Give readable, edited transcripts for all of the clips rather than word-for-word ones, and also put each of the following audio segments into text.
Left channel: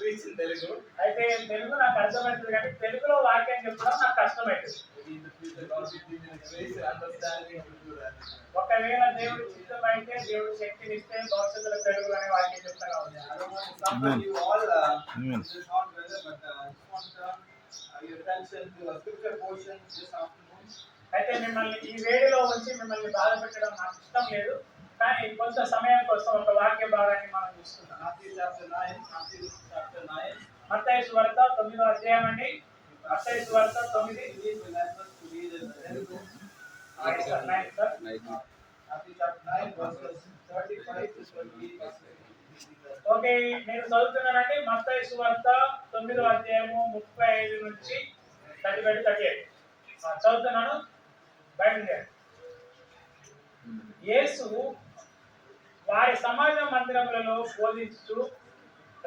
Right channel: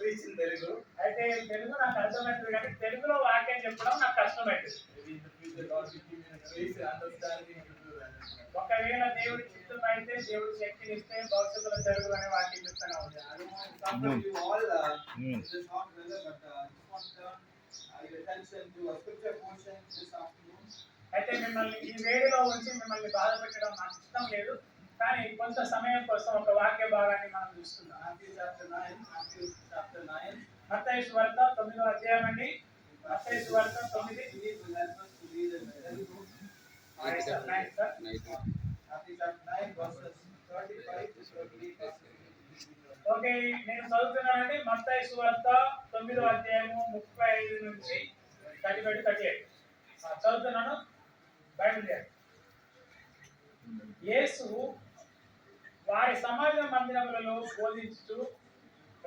preach in Telugu. అయితే తెలుగు నాకు అర్థమవుతుంది కానీ తెలుగులో వాక్యం చెప్పడం నాకు కష్టమవుతుంది. Maybe in the future God will give me the grace and understanding to do that. ఒకవేళ దేవుడి చిత్తమైతే దేవుడు శక్తిని ఇస్తే భవిష్యత్తులో తెలుగు అనే వాక్యం చెప్తా కావచ్చు. I don't want to come you all this hot weather, but I just want to turn your attention to a scripture portion this afternoon. అయితే మిమ్మల్ని ఈ వేడిలో ఉంచి మిమ్మల్ని బాధ పెట్టడం నాకు ఇష్టం లేదు, కానీ కొంత సమయం కోసం ఒక వాక్య భాగాన్ని మనం చూస్తున్నాం. Matthew chapter 9. మత్తయి సువార్త 9వ అధ్యాయం అండి. మత్తయి సువార్త 9. Please remember to read in Telugu. Matthew chapter 9 verses 35 to 38. Okay, నేను చదువుతున్నానండి. మత్తయి సువార్త 9వ అధ్యాయము 35 నుంచి 35 to 38 చదువుతున్నాను. బైబిల్ యేసు వారి సమాజ మందిరములలో బోధించుచు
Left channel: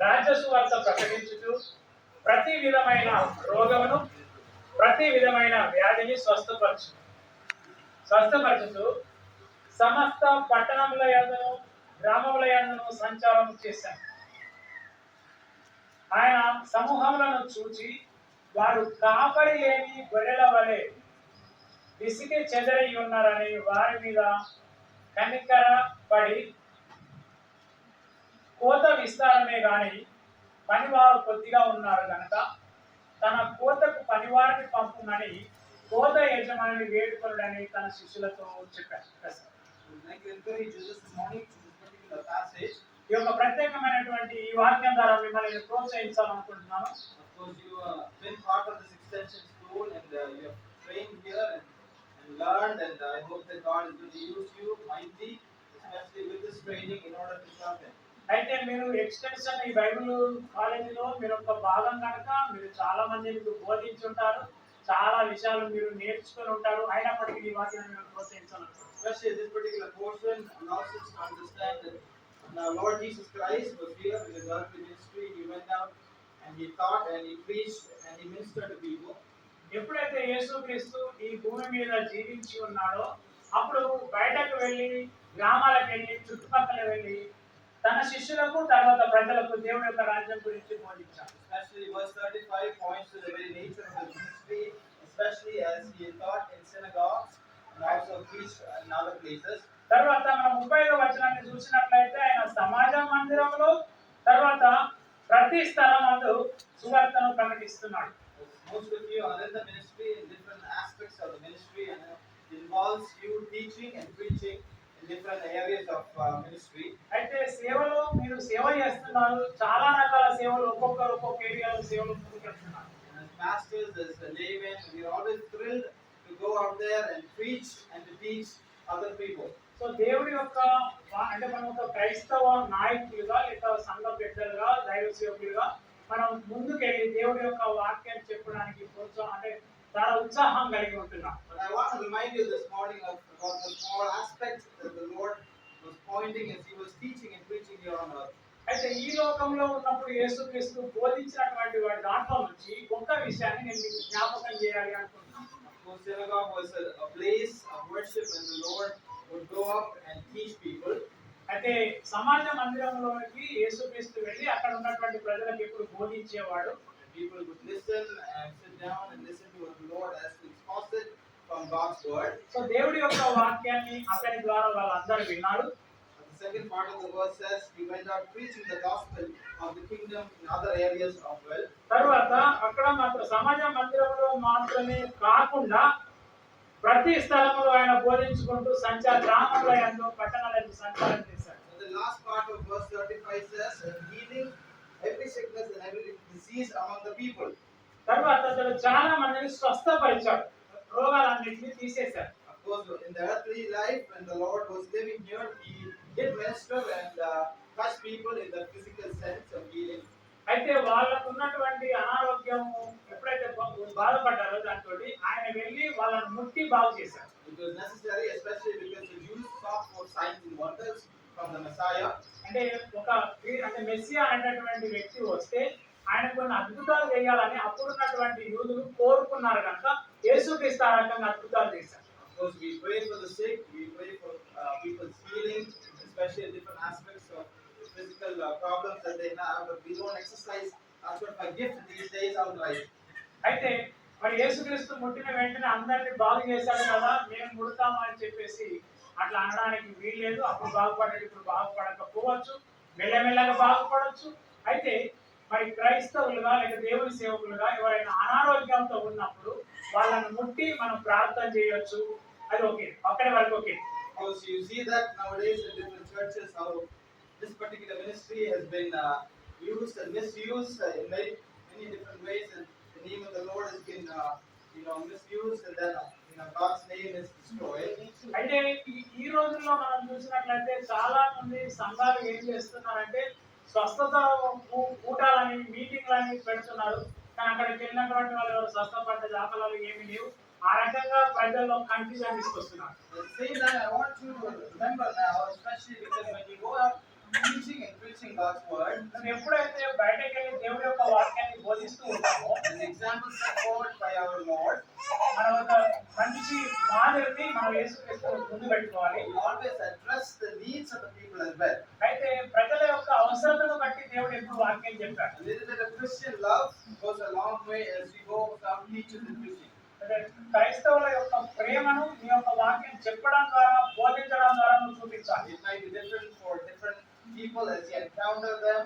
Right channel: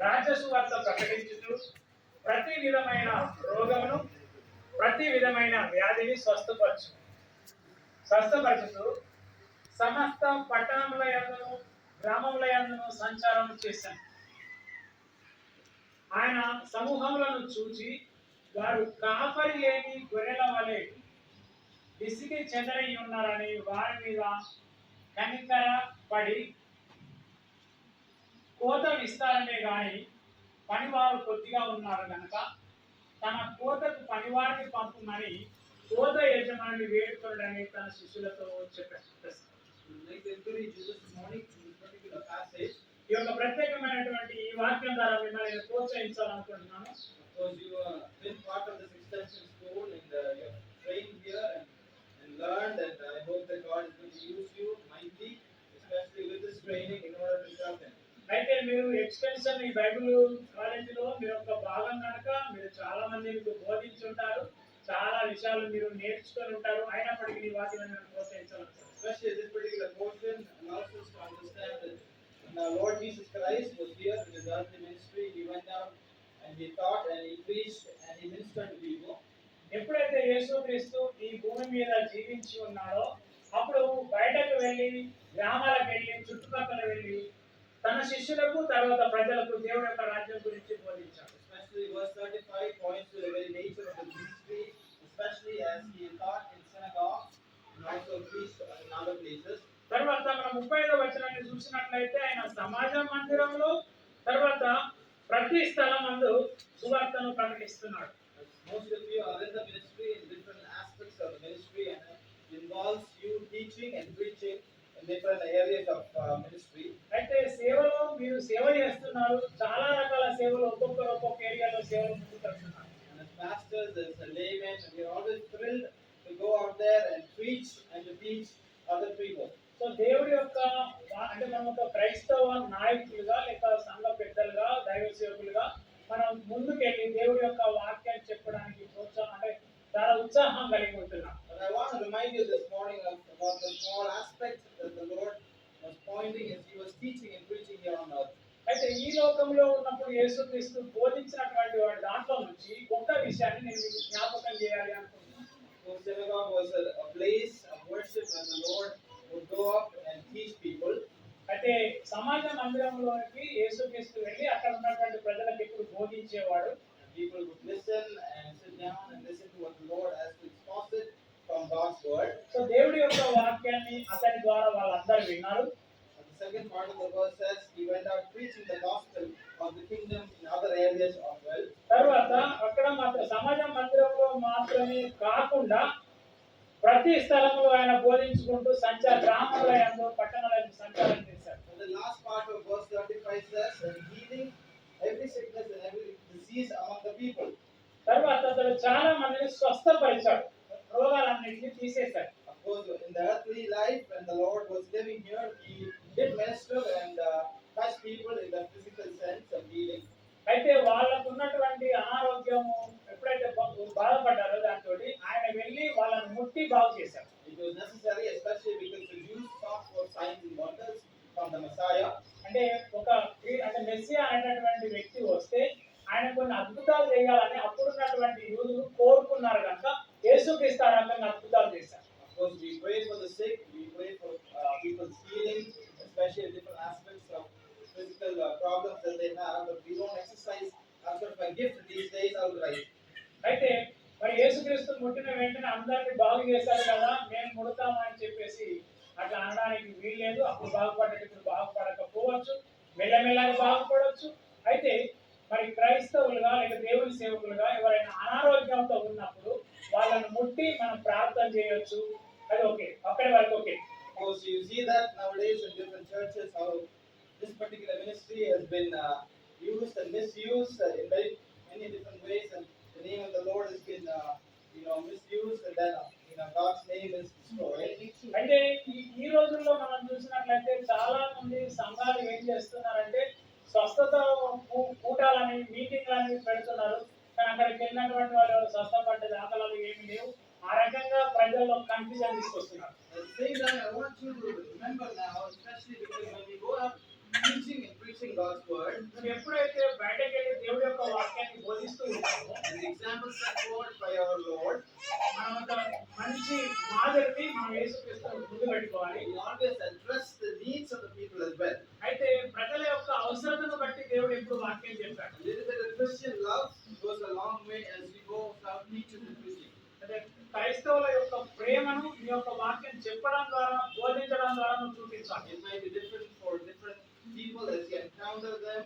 రాజ్య సువార్త ప్రకటించుచు ప్రతి విధమైన రోగమును ప్రతి విధమైన వ్యాధిని స్వస్థపరచుతూ సమస్త పట్టణముల యందును గ్రామముల యందును సంచారం చేశాను. ఆయన సమూహములను చూచి వారు కాపరి లేని గొర్రెల వలె విసిగి చెదరి ఉన్నారని వారి మీద కనికర పడి కోత విస్తారమే గాని పనివారు కొద్దిగా ఉన్నారు కనుక తన కోతకు పనివారిని పంపుమని కోత యజమానిని వేడుకొనుడని తన శిష్యులతో చెప్పారు. ఈ యొక్క ప్రత్యేకమైనటువంటి ఈ వాక్యం ద్వారా మిమ్మల్ని ప్రోత్సహించాలనుకుంటున్నాను. Learned, and I hope that God is going to use you mightily, especially with this training, in order to sharpen. అయితే మీరు ఎక్స్టెన్షన్ ఈ బైబిల్ కాలేజీలో మీరు ఒక భాగం కనుక మీరు చాలా మంది మీకు బోధించుంటారు, చాలా విషయాలు మీరు నేర్చుకొని ఉంటారు. అయినప్పటికీ ఈ వాక్యాన్ని మీరు ప్రోత్సహించాలనుకుంటున్నాను. Especially this particular portion allows us to understand that the Lord Jesus Christ was here in the earthly ministry. He went out and he taught and he preached and he ministered to people. ఎప్పుడైతే యేసుక్రీస్తు ఈ భూమి మీద జీవించి ఉన్నాడో అప్పుడు బయటకు వెళ్ళి గ్రామాలకు వెళ్ళి చుట్టుపక్కల వెళ్ళి తన శిష్యులకు తర్వాత ప్రజలకు దేవుడి యొక్క రాజ్యం గురించి బోధించాడు. Especially verse 35 points to the very nature of his ministry, especially as he taught in synagogues and also preached in other places. తర్వాత మనం 35వ వచనాన్ని చూసినట్లయితే ఆయన సమాజ మందిరంలో తర్వాత ప్రతి స్థలమందు సువార్తను ప్రకటిస్తున్నాడు. Most of you are in the ministry in different aspects of the ministry, and it involves you teaching and preaching in different areas of ministry. అయితే సేవలో మీరు సేవ చేస్తున్నారు, చాలా రకాల సేవలు ఒక్కొక్కరు ఒక్కొక్క ఏరియాలో సేవలు చేస్తున్నారు. As pastors, as laymen, we are always thrilled to go out there and preach and to teach other people. So దేవుడి యొక్క అంటే మనం ఒక క్రైస్తవ నాయకులుగా లేక సంఘ పెద్దలుగా దైవ సేవకులుగా మనం ముందుకెళ్ళి దేవుడి యొక్క వాక్యాన్ని చెప్పడానికి అంటే చాలా ఉత్సాహం కలిగి ఉంటున్నాం. But I want to remind you this morning about the small aspects that the Lord was pointing as he was teaching and preaching here on earth. అయితే ఈ లోకంలో ఉన్నప్పుడు యేసుక్రీస్తు బోధించినటువంటి వాడి దాంట్లో నుంచి ఒక్క విషయాన్ని నేను మీకు జ్ఞాపకం చేయాలి అనుకుంటున్నాను. The synagogue was a place of worship where the Lord would go up and teach people. అయితే సమాజ మందిరంలోకి యేసుక్రీస్తు వెళ్ళి అక్కడ ఉన్నటువంటి ప్రజలకు ఎప్పుడు బోధించేవాడు. People would listen and sit down and listen to what the Lord has to exposit from God's word. So దేవుడి యొక్క వాక్యాన్ని అతని ద్వారా వాళ్ళందరూ విన్నారు. The second part of the verse says he went out preaching the gospel of the kingdom in other areas of well. తర్వాత అక్కడ మాత్రం సమాజ మందిరంలో మాత్రమే కాకుండా ప్రతి స్థలంలో ఆయన బోధించుకుంటూ గ్రామాల యందు పట్టణాల యందు సంచారం చేశాడు. The last part of verse 35 says healing every sickness and every disease among the people. తర్వాత అతడు చాలా మందిని స్వస్థపరిచాడు, రోగాలన్నిటిని తీసేశాడు. Of course, in the earthly life when the Lord was living here, he did minister and touch people in the physical sense of healing. అయితే వాళ్ళకు ఉన్నటువంటి అనారోగ్యము ఎప్పుడైతే బాధపడ్డారో దాంతో ఆయన వెళ్ళి వాళ్ళని ముట్టి బాగు చేశారు. It was necessary, especially because the Jews sought for signs and wonders from the Messiah. అంటే అంటే మెస్సియా అనేటటువంటి వ్యక్తి వస్తే ఆయన కొన్ని అద్భుతాలు చేయాలని అప్పుడున్నటువంటి యూదులు కోరుకున్నారు కనుక యేసుక్రీస్తు ఆ రకంగా అద్భుతాలు చేశారు. Of course, we pray for the sick, we pray for people's healing, especially different aspects of physical problems that they have. But యేసుక్రీస్తు ముట్టిన వెంటనే అందరిని బాగు చేశాడు కదా మేము ముడతాము అని చెప్పేసి అట్లా అనడానికి వీల్లేదు. అప్పుడు బాగుపడేది ఇప్పుడు బాగుపడకపోవచ్చు, మెల్లమెల్లగా బాగుపడవచ్చు. అయితే మరి క్రైస్తవులుగా లేక దేవుని సేవకులుగా ఎవరైనా అనారోగ్యంతో ఉన్నప్పుడు వాళ్ళని ముట్టి మనం ప్రార్థన చేయొచ్చు. అది ఓకే, అక్కడి వరకు okay. Because you see that nowadays in different churches how this particular ministry has been used and misused in many different ways, and the name of the Lord has been misused, and then God's name is destroyed. అంటే ఈ రోజుల్లో మనం చూసినట్లయితే చాలా మంది సంఘాలు ఏం చేస్తున్నారంటే స్వస్థత కూటాలని మీటింగ్లని పెడుతున్నారు. కానీ అక్కడికి వెళ్ళినటువంటి వాళ్ళు ఎవరు స్వస్థపడ్డ దాఖలాలు ఏమీ లేవు. ఆ రకంగా ప్రజల్లో కన్ఫ్యూజన్ తీసుకొస్తున్నారు. At the same time, I want you to remember now, especially because when you go out teaching and preaching God's word, నువ్వు ఎప్పుడైతే బయటకు వెళ్ళి దేవుడి యొక్క వాక్యాన్ని బోధిస్తూ ఉంటామో, an example set forward by our Lord, మనం ఒక మంచి మాదిరిని మనం యేసుక్రీస్తు ముందు పెట్టుకోవాలి. you always address the needs of the people as well. అయితే ప్రజల యొక్క అవసరతను బట్టి దేవుడు ఎప్పుడు వాక్యం చెప్పాడు. A little bit of Christian love goes a long way as we go out teaching and preaching. క్రైస్తవుల యొక్క ప్రేమను నీ యొక్క వాక్యం చెప్పడం ద్వారా బోధించడం ద్వారా నువ్వు చూపించాలి. It might be different for different people as you encounter them,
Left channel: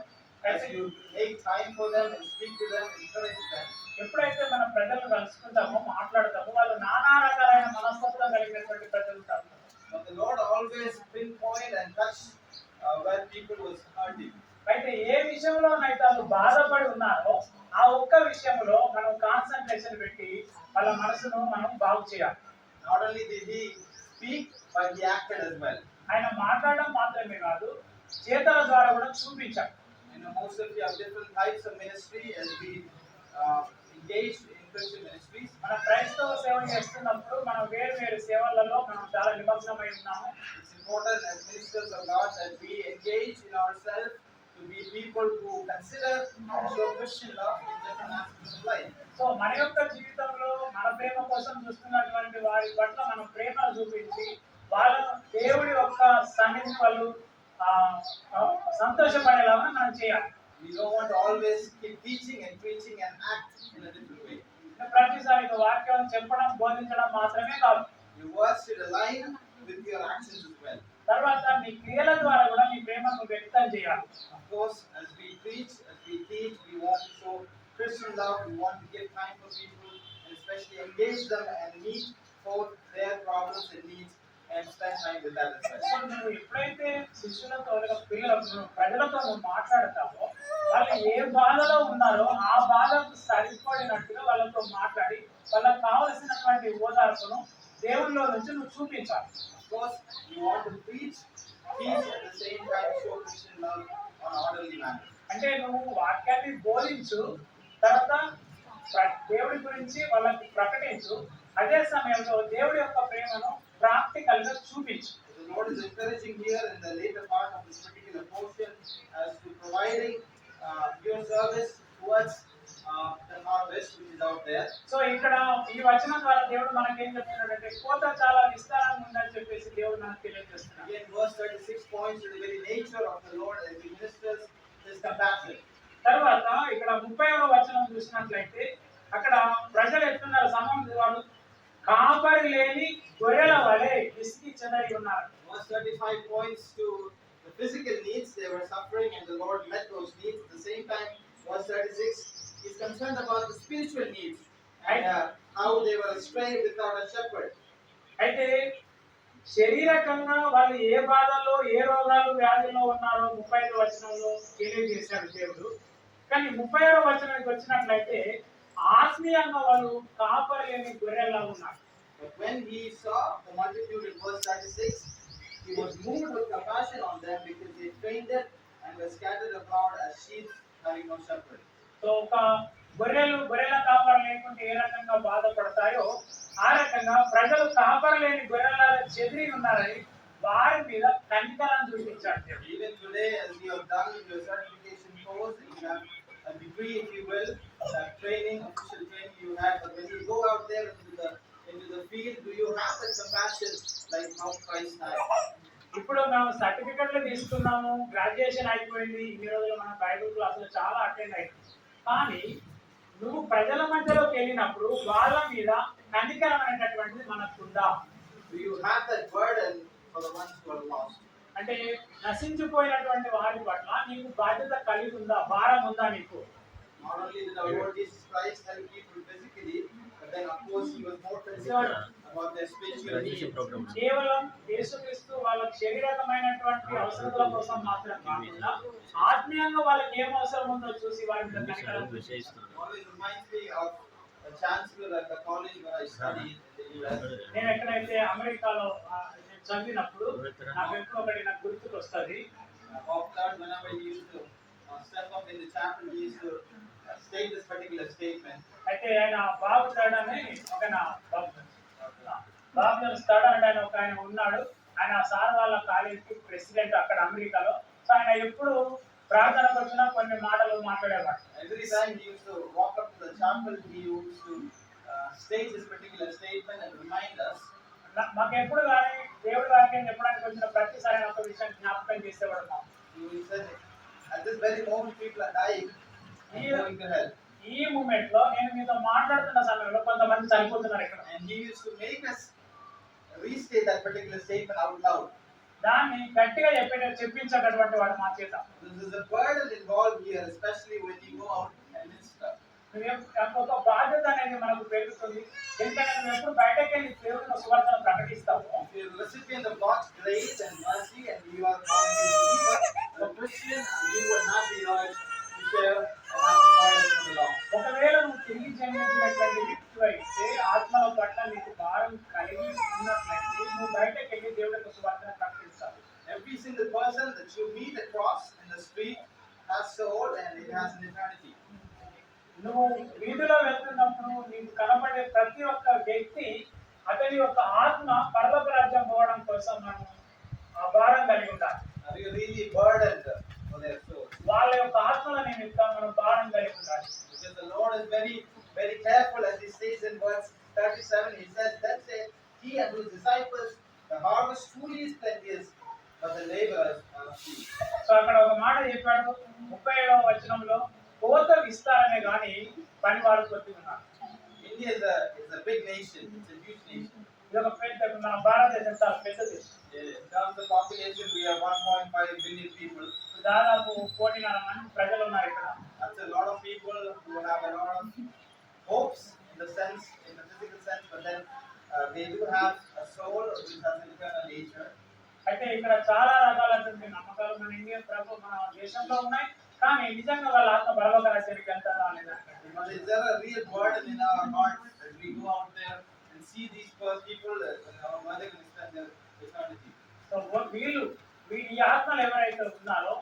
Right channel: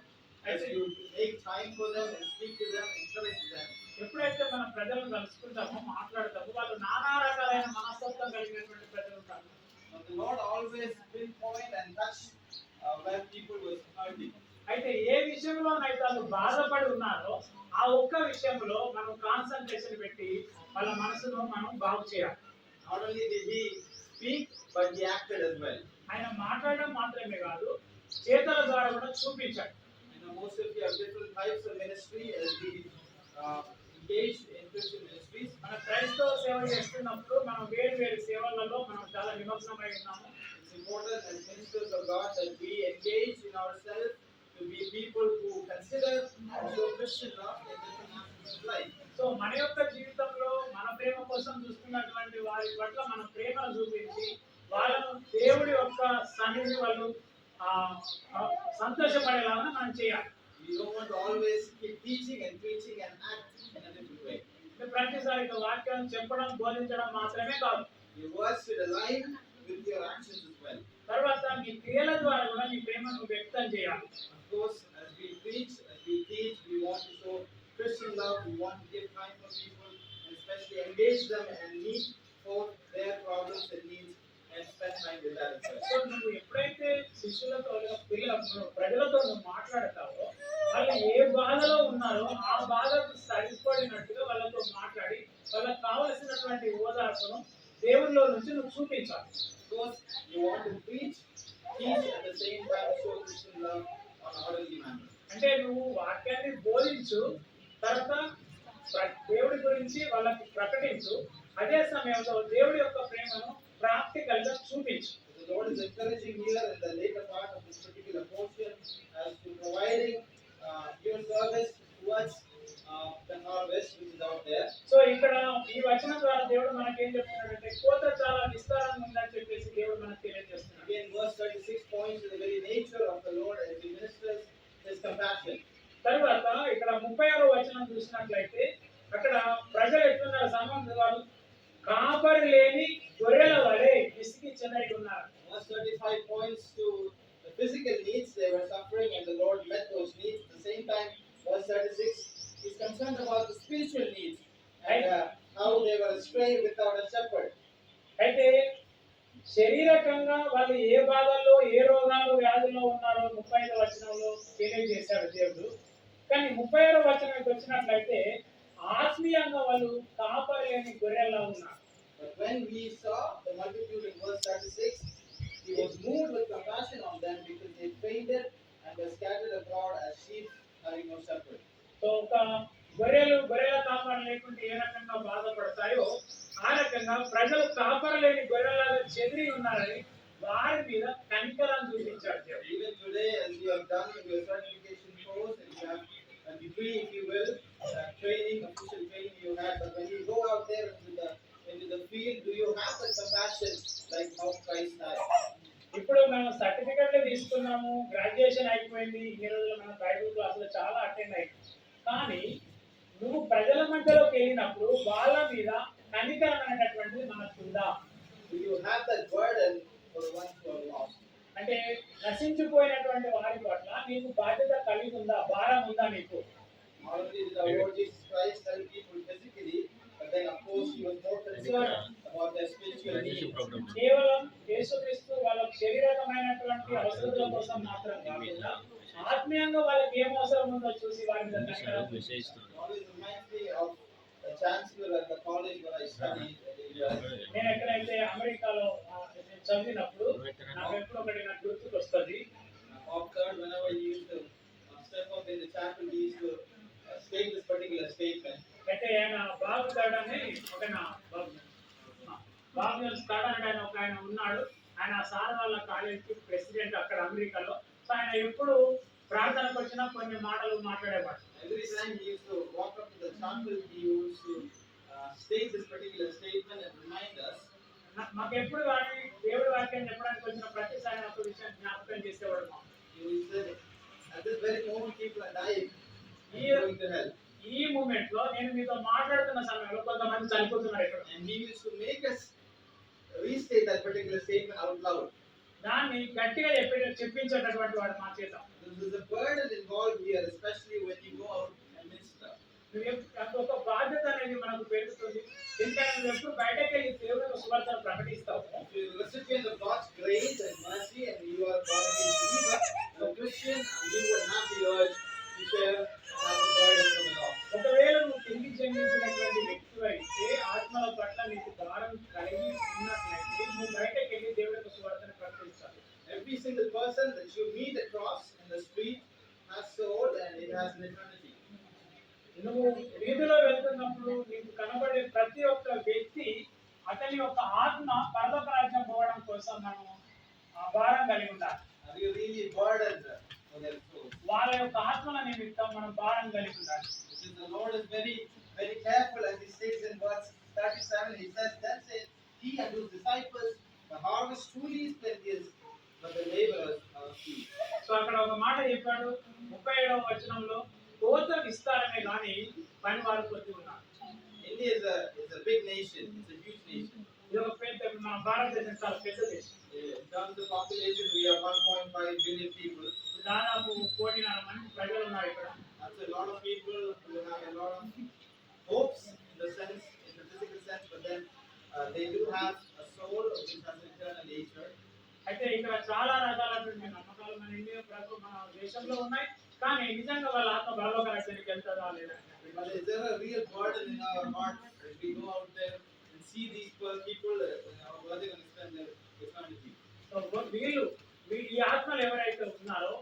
as you make time for them and speak to them, encourage them. ఎప్పుడైతే మన ప్రజలను కలుసుకుంటామో మాట్లాడతామో వాళ్ళు నానా రకాలైన మనస్తత్వం కలిగినటువంటి ప్రజలు ఉంటారు. But the Lord always pinpoint and touch where people was hurting. అయితే ఏ విషయంలోనైతే వాళ్ళు బాధపడి ఉన్నారో ఆ ఒక్క విషయంలో మనం కాన్సంట్రేషన్ పెట్టి వాళ్ళ మనసును మనం బాగు చేయాలి. Not only did he speak, but he acted as well. ఆయన మాట్లాడడం మాత్రమే కాదు, చేతల ద్వారా కూడా చూపించాడు. Most of you have different types of ministry as we engaged in Christian ministries. మన క్రైస్తవ సేవ చేస్తున్నప్పుడు మనం వేరు వేరు సేవలలో మనం చాలా నిమగ్నమై ఉన్నాము. It's important as ministers of God that we engage in ourselves to be people who consider and show Christian love in different aspects of life. So మన యొక్క జీవితంలో మన ప్రేమ కోసం చూస్తున్నటువంటి వారి పట్ల మనం ప్రేమను చూపించి వాళ్ళను దేవుడి యొక్క సన్నిధిని వాళ్ళు సంతోషపడేలాగా మనం చేయాలి. We don't want to always keep teaching and preaching and act in a different way. ప్రతిసారి వాక్యం చెప్పడం బోధించడం మాత్రమే కాదు, Your words should align with your actions as well. తర్వాత నీ క్రియల ద్వారా కూడా నీ ప్రేమను వ్యక్తం చేయాలి. Of course, as we preach, as we teach, we want to show Christian love. We want to give time for people and especially engage them and meet both their problems and needs and spend time with that as well. So నువ్వు ఎప్పుడైతే శిష్యులతో ప్రజలతో నువ్వు మాట్లాడతావో వాళ్ళు ఏ బాధలో ఉన్నారో ఆ బాధకు సరిపడినట్టుగా వాళ్ళతో మాట్లాడి వాళ్ళకి కావలసినటువంటి ఓదార్పును దేవుళ్ళలో నుంచి నువ్వు చూపించాలి. Of course, you want to preach, teach at the same time, show Christian love on an orderly manner. అంటే నువ్వు వాక్యాన్ని బోధించు, తర్వాత దేవుడి గురించి వాళ్ళకి ప్రకటించు, అదే సమయంలో దేవుడి యొక్క ప్రేమను ప్రాక్టికల్ గా చూపించు. The Lord is encouraging here in the later part of this particular portion as to providing your service towards the harvest which is out there. So ఇక్కడ ఈ వచనం ద్వారా దేవుడు మనకేం చెప్తున్నాడంటే కోత చాలా విస్తారంగా ఉందని చెప్పేసి దేవుడు మనకు తెలియజేస్తున్నాడు. Again, verse 36 points to the very nature of the Lord as he ministers his compassion. తర్వాత ఇక్కడ 30వ వచనం చూసినట్లయితే అక్కడ ప్రజలు ఎట్లున్నారు, సమాజం వాళ్ళు కాపరి లేని గొర్రెల వలె విసిగి చెందడి ఉన్నారు. Verse 35 points to the physical needs they were suffering and the Lord met those needs. At the same time, verse 36 is concerned about the spiritual needs and how they were astray without a shepherd. అయితే శరీరకంగా వాళ్ళు ఏ బాధల్లో ఏ రోగాలు వ్యాధుల్లో ఉన్నారో 35వ వచనంలో తెలియజేశాడు దేవుడు. కానీ 30వ వచనానికి వచ్చినట్లయితే ఆత్మీయంగా వాళ్ళు కాపరి లేని గొర్రెల్లా ఉన్నారు. But when he saw the multitude in verse 36, he was moved with compassion on them because they fainted and were scattered abroad as sheep having no shepherd. So ఒక గొర్రెల కాపరి లేకుంటే ఏ రకంగా బాధపడతాయో ఆ రకంగా ప్రజలు కాపరి లేని గొర్రెలాగా చెదిరి ఉన్నారని వారి మీద కనికరం చూపించాడు దేవుడు. Even today, as you have done in your certification course, and you have a degree, if you will, that training, official training you had, but when you go out there into the field, do you have that compassion like how Christ had? ఇప్పుడు మనం సర్టిఫికెట్లు తీసుకున్నాము, graduation అయిపోయింది, ఇన్ని రోజులు మన Bible క్లాసులు చాలా అటెండ్ అయ్యింది. కానీ నువ్వు ప్రజల మధ్యలోకి వెళ్ళినప్పుడు వాళ్ళ మీద కనికరం అనేటటువంటిది మనకుందా? Do you have that burden for the ones who are lost? అంటే నశించిపోయినటువంటి వారి పట్ల నీకు బాధ్యత కలిగి ఉందా, భారం ఉందా నీకు? Not only did our Lord Jesus Christ help people physically, but then of course he was more concerned about their spiritual needs. కేవలం యేసుక్రీస్తు వాళ్ళ శారీరకమైనటువంటి అవసరతల కోసం మాత్రం కాకుండా ఆత్మీయంగా వాళ్ళకి ఏం అవసరం ఉందో చూసి వారి మీద కనికరం చూపిస్తాడు. Always reminds me of the chancellor at the college where I studied in the US. నేను ఎక్కడైతే అమెరికాలో నేను చదివినప్పుడు నాకు ఎప్పుడు ఒకటి నాకు గుర్తుకు వస్తుంది. Bob Third, whenever he used to step up in the chapel, he used to state this particular statement. అయితే ఆయన బాబు థర్డ్ అని ఒక బాబు థర్డ్ అని ఆయన ఒక ఆయన ఉన్నాడు. ఆయన సార్ వాళ్ళ కాలేజీకి ప్రెసిడెంట్ అక్కడ అమెరికాలో. సో ఆయన ఎప్పుడు ప్రార్థనకు వచ్చినా కొన్ని మాటలు మాట్లాడేవాడు. Every time he used to walk up to the chapel, he used to state this particular statement and remind us. మాకు ఎప్పుడు కానీ దేవుడి వాక్యం చెప్పడానికి వచ్చిన ప్రతిసారి ఆయన ఒక విషయం జ్ఞాపకం చేసేవాడు మాకు. He said, at this very moment, people are dying and going to hell. ఈ మూమెంట్ లో నేను మీతో మాట్లాడుతున్న సమయంలో కొంతమంది చనిపోతున్నారు ఇక్కడ. And he used to make us restate that particular statement out loud. దాన్ని గట్టిగా చెప్పించేటటువంటి వాడు మా చేత. There is a burden involved here, especially when you go out and minister. ఒక బాధ్యత అనేది మనకు పెరుగుతుంది. ఎందుకంటే నువ్వు ఎప్పుడు బయటకు వెళ్ళి దేవుని సువార్తను ప్రకటిస్తావు. If you are a recipient of God's grace and mercy and you are born again believer, a Christian, you will not be urged to share and have the burden for the lost. ఒకవేళ నువ్వు తిరిగి జన్మించినటువంటి వ్యక్తి అయితే ఆత్మల పట్ల నీకు భారం కలిగి ఉన్నట్లయితే నువ్వు బయటకు వెళ్ళి దేవుడి యొక్క సువార్తను ప్రకటించాలి. Every single person that you meet across in the street has soul and it has an eternity. నువ్వు వీధిలో వెళ్తున్నప్పుడు నీకు కనబడే ప్రతి ఒక్క వ్యక్తి అతని యొక్క ఆత్మ పరలోక రాజ్యం పోవడం కోసం మనం ఆ భారం కలిగి ఉండాలి. Are you really burdened for their souls? వాళ్ళ యొక్క ఆత్మల నిమిత్తం మనం భారం కలిగి ఉండాలి. Because the Lord is very, very careful, as he says in verse 37. He says, "Then said he unto his disciples, the harvest truly is plenteous, but the laborers are few." So అక్కడ ఒక మాట చెప్పాడు 37వ వచనంలో, కోత విస్తారమే గాని పని వారు కొద్ది ఉన్నారు. India is a big nation. It's a huge nation. ఇది ఒక పెద్ద మన భారతదేశం చాలా పెద్ద దేశం. In terms of population, we have 1.5 billion people. దాదాపు 1.5 మంది ప్రజలు ఉన్నారు ఇక్కడ. That's a lot of people who have a lot of hopes in the sense, in the physical sense, but then they do have a soul which has an eternal nature. అయితే ఇక్కడ చాలా రకాలైనటువంటి నమ్మకాలు మన ఇండియా మన దేశంలో ఉన్నాయి. కానీ నిజంగా వాళ్ళ ఆత్మ పరలోక రాజ్యానికి వెళ్తారా లేదా? But is there a real burden in our heart that we go out there and see these people where they're going to spend their eternity? So వీళ్ళు ఈ ఆత్మలు ఎవరైతే ఉన్నారో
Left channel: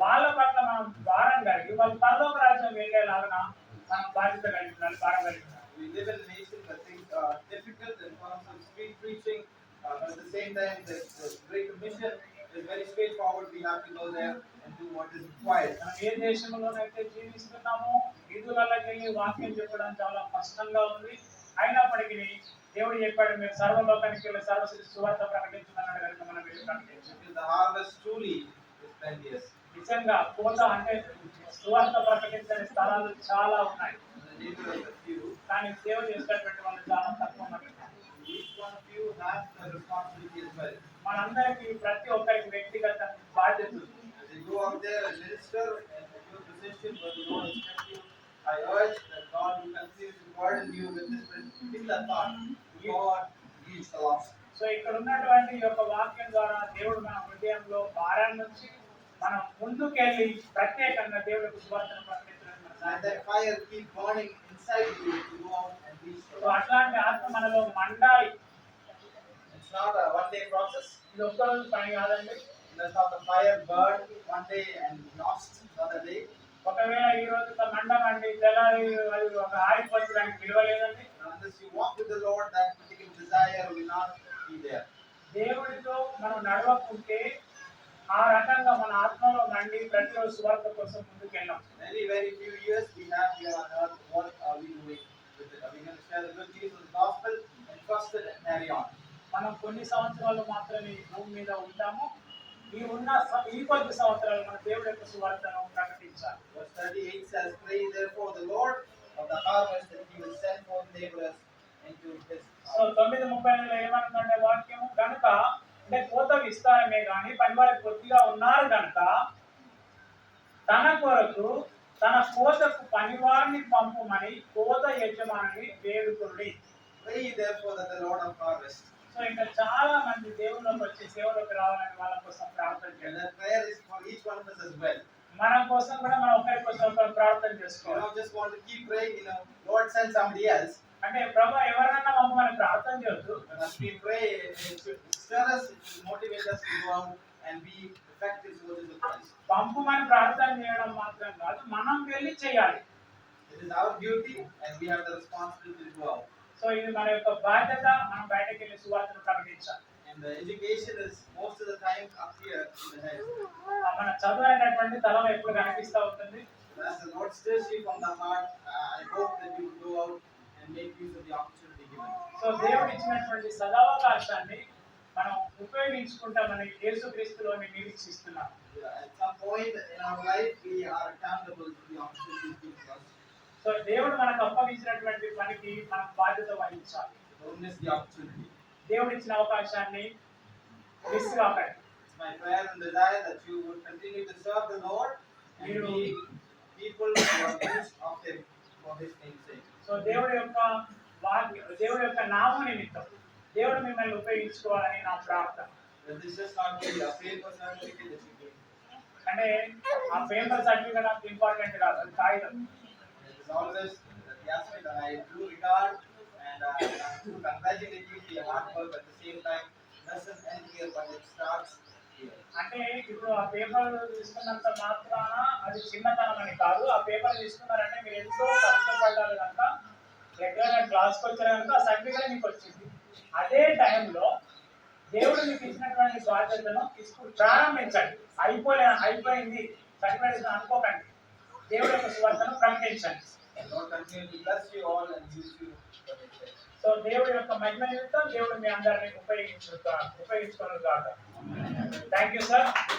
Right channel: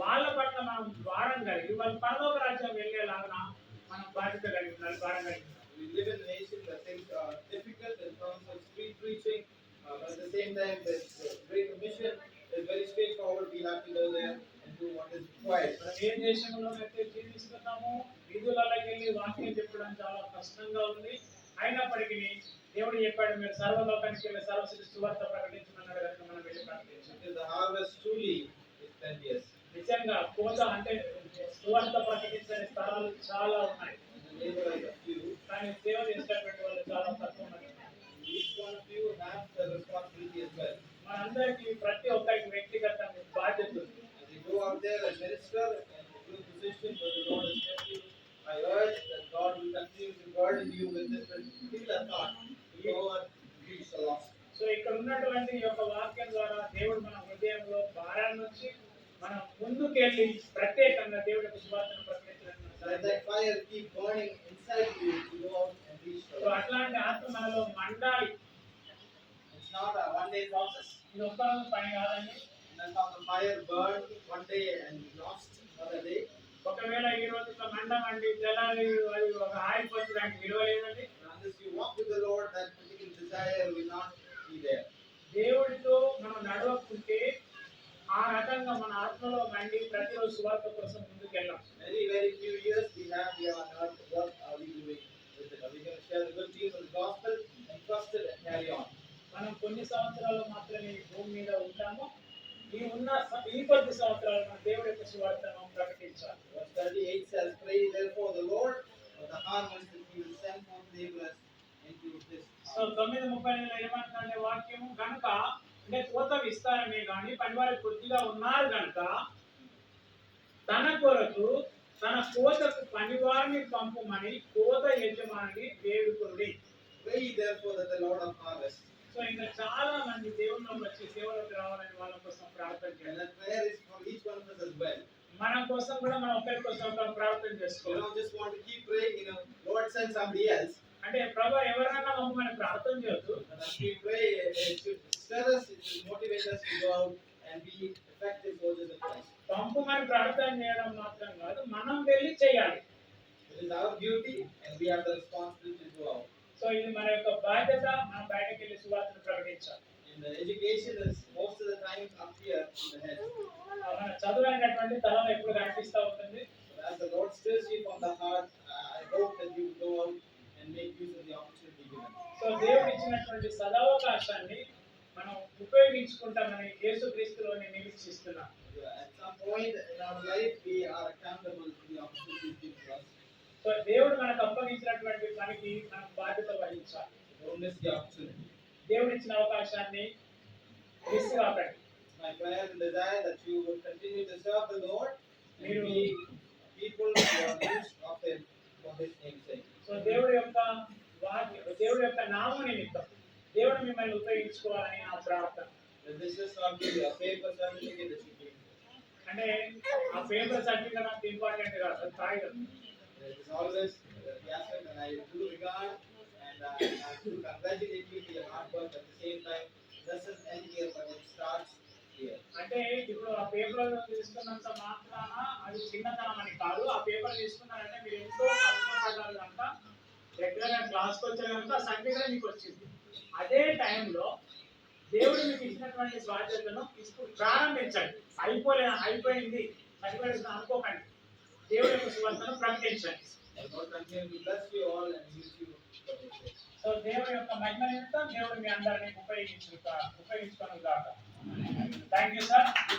వాళ్ళ పట్ల మనం భారం కలిగి వాళ్ళు పరలోక రాజ్యం వెళ్ళేలాగా మనం బాధ్యత కలిగి ఉండాలి, భారం కలిగి ఉండాలి. We live in a nation that things are difficult in terms of street preaching, but at the same time, the Great Commission is very straightforward. We have to go there and do what is required. మనం ఏ దేశంలోనైతే జీవిస్తున్నామో వీధులలోకి వెళ్ళి వాక్యం చెప్పడం చాలా కష్టంగా ఉంది. అయినప్పటికీ దేవుడు చెప్పాడు, మీరు సర్వలోకానికి వెళ్ళి సర్వశ్రీ సువార్త ప్రకటించమన్నాడు కనుక మనం వెళ్ళి ప్రకటించాం. Because the harvest truly is plenteous. నిజంగా కోత అంటే సువార్త ప్రకటించని స్థలాలు చాలా ఉన్నాయి. The laborers are few. కానీ సేవ చేసేటటువంటి వాళ్ళు చాలా తక్కువ మంది ఉన్నారు. Each one of you has the responsibility as well. మనందరికీ ప్రతి ఒక్కరికి వ్యక్తిగత బాధ్యత ఉంది. As you go out there and minister and your position where the Lord has kept you, I urge that God will continue to burden you with this particular thought to go and reach the lost. So ఇక్కడ ఉన్నటువంటి ఈ యొక్క వాక్యం ద్వారా దేవుడు మన హృదయంలో భారాన్ని నుంచి మనం ముందుకెళ్ళి ప్రత్యేకంగా దేవుడి యొక్క సువార్తను ప్రకటించడానికి మన Let సహాయం that fire keep burning inside you to go out and reach the so lost. అట్లాంటి ఆత్మ మనలో మండాలి. It's not a one-day process. ఇది ఒక్క రోజు పని కాదండి. Let not the fire burn one day and lost another day. ఒకవేళ ఈ రోజు మంట మండి తెల్లారి అది ఒక ఆరిపోతే దానికి విలువ లేదండి. Unless you walk with the Lord, that particular desire will not be there. దేవుడితో మనం నడవకుంటే ఆ రకంగా మన ఆత్మలో మండి ప్రతిరోజు సువార్త కోసం ముందుకు వెళ్ళాం. Very, very few years we have here on earth. What are we doing with it? Are we going to share the good news of the gospel and trust it and carry on? మనం కొన్ని సంవత్సరాలు మాత్రమే ఈ భూమి మీద ఉంటాము. ఈ కొద్ది సంవత్సరాలు మన దేవుడి యొక్క సువార్తను ప్రకటించాలి. Verse 38 says, "Pray therefore the Lord of the harvest, that he will send forth laborers into his so harvest. 9:35 ఏమంటుందంటే వాక్యము గనుక అంటే కోత విస్తారమే గాని పనివారు కొద్దిగా ఉన్నారు గనుక తన కొరకు తన కోతకు పనివారిని పంపుమని కోత యజమానిని వేడుకొనుడి. Pray therefore that the Lord of harvest, so ఇంకా చాలా మంది దేవుళ్ళకి వచ్చి సేవలోకి రావాలని వాళ్ళ కోసం ప్రార్థన and చేయాలి. that prayer is for each one of us as well. మన కోసం కూడా మనం ఒకరి కోసం ఒకరు ప్రార్థన You చేసుకోవాలి. don't just want to keep praying, Lord send somebody else. అంటే ప్రభు ఎవరినైనా పంపమని ప్రార్థన చేయొద్దు. But as we pray, it should stir us, it should motivate us to go out and be effective soldiers of Christ. పంపమని ప్రార్థన చేయడం మాత్రం కాదు, మనం వెళ్ళి చేయాలి. It is our duty, and we have the responsibility to go out. So ఇది మన యొక్క బాధ్యత. మనం బయటకు వెళ్ళి సువార్తను ప్రకటించాలి. And the education is most of the time up here in the head. మన చదువు అనేటటువంటి తలలో ఎప్పుడు కనిపిస్తూ ఉంటుంది. But as the Lord stirs you from the heart, I hope that you will go out and make use of the opportunity given. So దేవుడు ఇచ్చినటువంటి సదావకాశాన్ని మనం ఉపయోగించుకుంటామని యేసుక్రీస్తులోని నిరీక్షిస్తున్నాం. At some point in our life, we are accountable to the opportunities given to us. So దేవుడు మనకు అప్పగించినటువంటి పనికి మనం బాధ్యత వహించాలి. Don't miss the opportunity. దేవుడు ఇచ్చిన అవకాశాన్ని మిస్ కాకండి. It's my prayer and desire that you would continue to serve the Lord and be people who are used of Him for His name's sake. So దేవుడి యొక్క నామం నిమిత్తం దేవుడు మిమ్మల్ని ఉపయోగించుకోవాలని నా ప్రార్థన. That this just not be a paper certificate that you give. అంటే ఆ పేపర్ సర్టిఫికేట్ అంత ఇంపార్టెంట్ కాదు, అది కాగితం. It is always Yasmin, and I do regard and I do congratulate you for your hard work. At the same time, doesn't end here, but it starts here. అంటే ఇప్పుడు ఆ paper తీసుకున్నంత మాత్రాన అది చిన్నతనం అని కాదు. ఆ పేపర్ తీసుకున్నారంటే మీరు ఎంతో కష్టపడ్డారు కనుక రెగ్యులర్ క్లాస్కి వచ్చారు కనుక ఆ సర్టిఫికేట్ మీకు వచ్చింది. అదే టైంలో దేవుడు మీకు ఇచ్చినటువంటి బాధ్యతను ఇప్పుడు ప్రారంభించండి. అయిపోయింది సర్టిఫికేట్ అనుకోకండి. దేవుడి యొక్క సువార్తను ప్రకటించండి. The Lord continue to bless you all and use you for His sake. So దేవుడి యొక్క మహిమ నిమిత్తం దేవుడు మీ అందరినీ ఉపయోగించుకోను గాక. Thank you sir.